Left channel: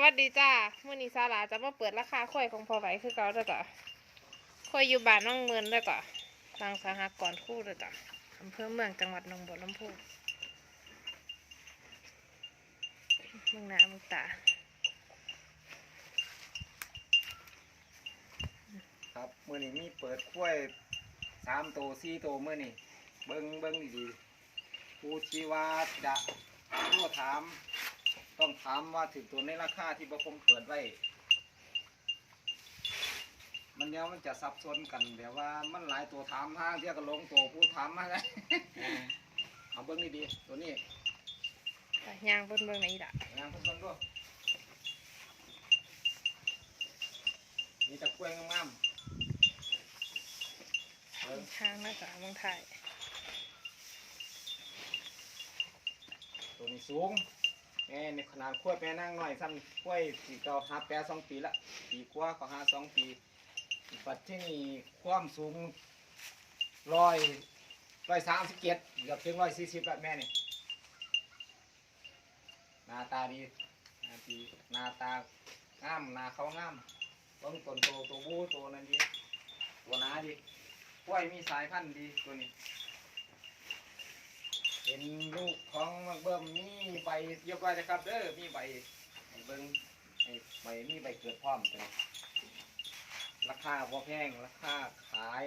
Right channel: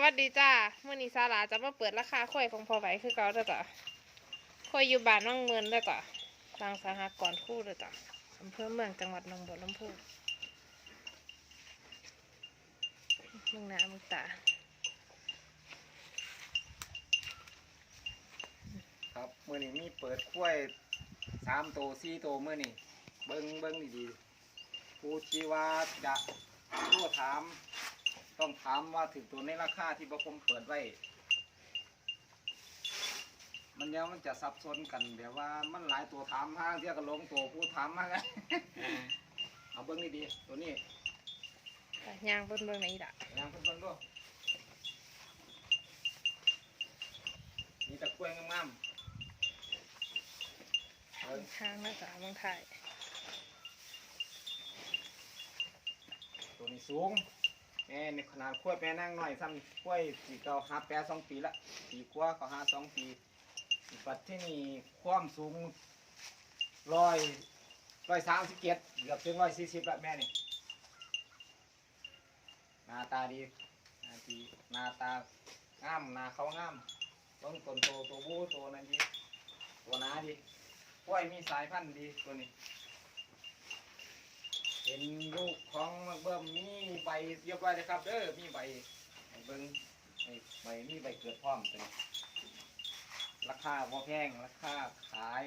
วัสดีจ้าเมื่อนี้ซาลาจะมาเปิดราคาข้อยของพอไหวคือเก่าแล้วจ้ะข้อยอยู่บ้านน้องเมืองแล้วจ้ะทางสหกรณ์คู่แล้วจ้ะอำเภอเมืองจังหวัดหนองบัวลำพูเมืองหน้าเมืองตา ครับมื่อนี้มีเปิดกล้วยสามโตสี่โตมื่อนี้เบิ้งเบิ้งดีๆผู้ที่ว่าจะทั่ถาม ต้องถามว่าถึงตัวในราคาที่ประผมเปิดไว้ มันเนี้ยมันจะซับซ้อนกันแบบว่ามันหลายตัวถามห้างเที่ยวกับลงตัวผู้ถามมาไงเอาเบิ้งดีๆตัวนี้จ้ะย่างเบิ่งเบิ่งไหนล่ะยังเพิ่งเบิ้งด้วยมีแตะกล้วยงามๆเบิ้งทางนะจ้ะเมืองไทยตัวนี้สูง แม่มีขนาดขั้วยแม่นั่งหน่อยซ้ำขั้วยสีเก่าหาแปรสองปีละปีกว่าเขาหาสองปีปัดที่นี่ความสูงร้อยร้อยสามสิบเจ็ดเกือบถึงร้อยสี่สิบละแม่นี่หน้าตาดีหน้าดีหน้าตางามหน้าเขางามต้นต้นโตตัวบูตัวนั้นดีตัวหนาดีขั้วยมีสายพันธุ์ดีตัวนี้ เป็นลูกของมักเบิ่มมีใบเรียบร้อยนะครับเด้อมีใบให้เบิ่งให้ใบมีใบเกิดพร้อมเป็นราคาบ่แพงราคาขาย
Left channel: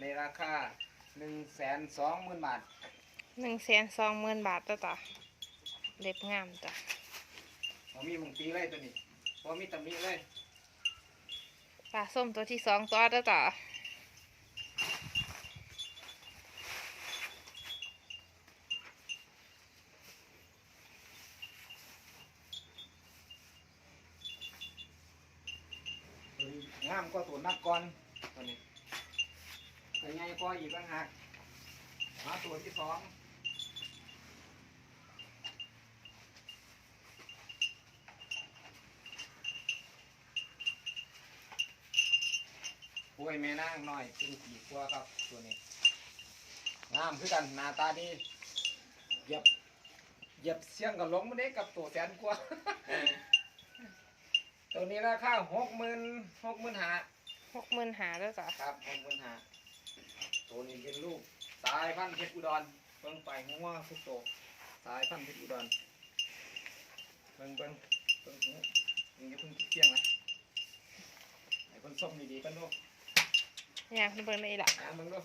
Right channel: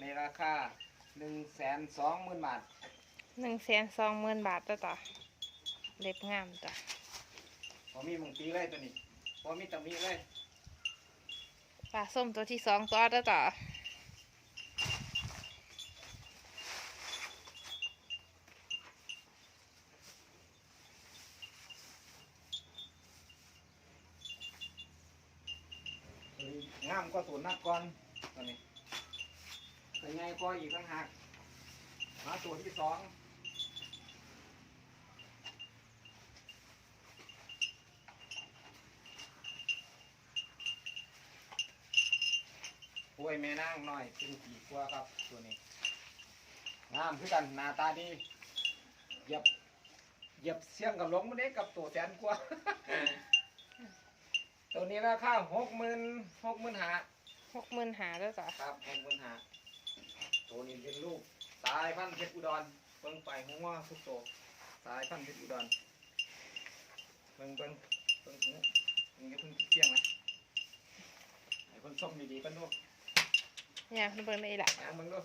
ในราคาหนึ่งแสนสองหมื่นบาทหนึ่งแสนสองหมื่นบาทจ้ะจ้ะเล็บงามจ้ะพอมีมึงตีเลยตัวนี้พอมีตำหนิเลยปลาส้มตัวที่สองตัวจ้ะจ้ะตัวนี้ งามก็ตัวนักก่อนตัวนี้ตัวใหญ่ก็อีกต่างหากมาตัวที่สองกล้วยแม่นางน้อยเป็นปีกว่าครับตัวนี้งามคือกันหน้าตาดีเหยียบเหยียบเสียงกับหลงมันเด้กับตัวแสนกว่า ตัวนี้ราคาหกหมื่นหกหมื่นหาหกหมื่นหาจ้ะจ้ะครับหกหมื่นหาตัวนี้เป็นลูกสายพันธุ์เพชรอุดรเบิ่งไปหัวทุกตัวสายพันธุ์เพชรอุดรเบิ่งเบิ่งเบิ่งหูมึงอย่าเพิ่งเที่ยงนะไอ้คนส้มดีๆกันดูย่างเบิ่งไหนล่ะหาเบิ่งดู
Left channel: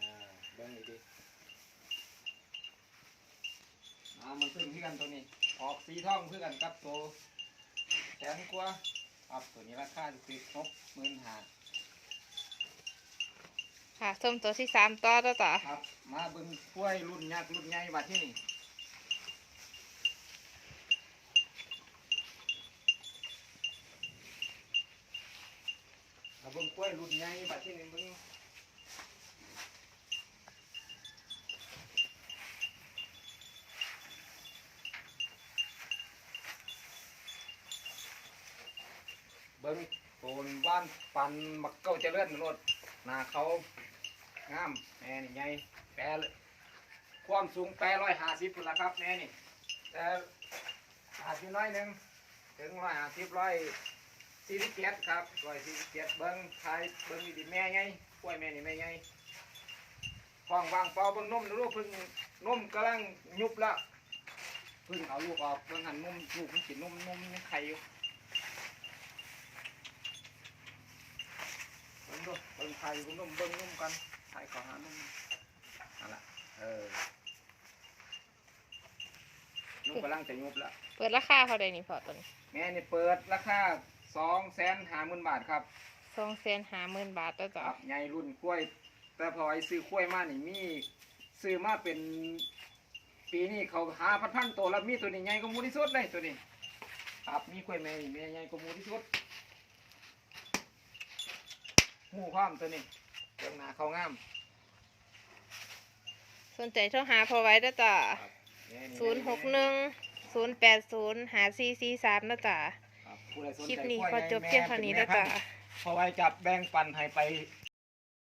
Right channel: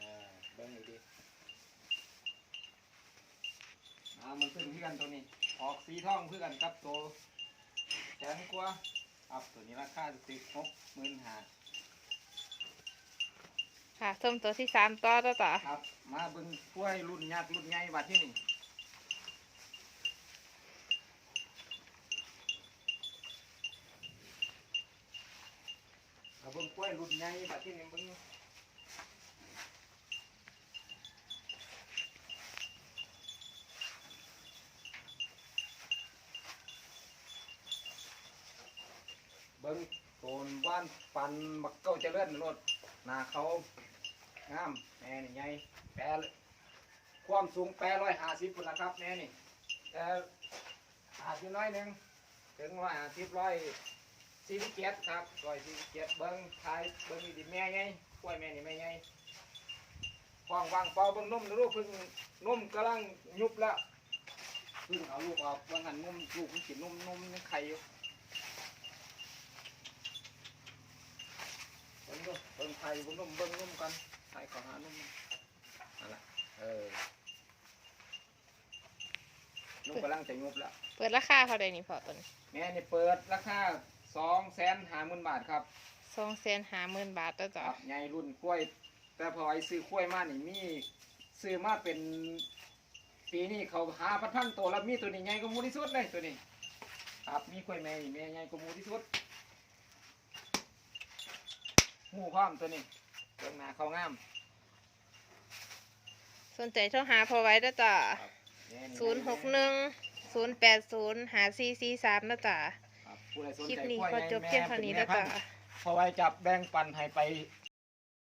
อ่าเบิ่งดีๆอ่ามันขึ้นที่กันตัวนี้ ออกสีทองเพื่อกันกับตัวแสนกว่าครับตัวนี้ราคาสิบหกหมื่นห้าค่ะส้มตัวที่สามตัวจ้ะจ้ะครับ มาเบิ่งกล้วยรุ่นยักษ์รุ่นใหญ่บัดที่นี่มาเบิ่งกล้วยรุ่นใหญ่บัดที่นี่เบิ่ง เบิ่งโตนว่านปันมักเก้าเจริญรถหน้าเขางามแม่นี่ใหญ่แปรความสูงแปรร้อยห้าสิบพุ่นละครับแม่นี่แต่อาจจะน้อยหนึ่งถึงร้อยห้าสิบร้อยสี่สิบเจ็ดครับร้อยสี่สิบเจ็ดเบิ้งทายเบิ้งดีแม่ใหญ่กล้วยแม่นี่แม่ใหญ่ฟองวางเปอเบิ้งนุ่มลูกพิ่งนุ่มกำลังยุบแล้วพิ่งเอาลูกออกเบิ้งหันนุ่มลูกมันกินนุ่มนุ่มยังไข่อยู่เบิ้งดูเบิ้ง ไข่เบิ้งนุ่มเบิ้งนุ่มกันไข่ขอหานุ่มนั่นแหละเออลูกกำลังจะยุบแล้วเปิดราคาเท่าใดนี่พอตัวนี้แม่นี่เปิดราคาสองแสนห้าหมื่นบาทครับสองแสนหาหมื่นบาทจ้ะจ้ะใหญ่รุ่นกล้วย แต่พอไอ้ซื้อกล้วยมานี่มีซื้อมาเป็น ปีนี้เขาหาพันพันตัวแล้วมีตัวนี้ใหญ่กว่าหมูที่สุดเลยตัวนี้ครับมีกล้วยแม่นี่แม่ใหญ่กว่าหมูที่สุด หูพร้อมตัวนี้เรื่องหนาเขางามสนใจโทรหาพอไว้จ้ะจ้ะแม่นี่ศูนย์หกหนึ่งศูนย์แปดศูนย์หาสี่สี่สามนะจ๊ะครับผู้ใดสนคลิปใจนี้กล้วยก็จบเพียงเท่านี้นะจ๊ะ พอไว้จับแบ่งปันให้ไป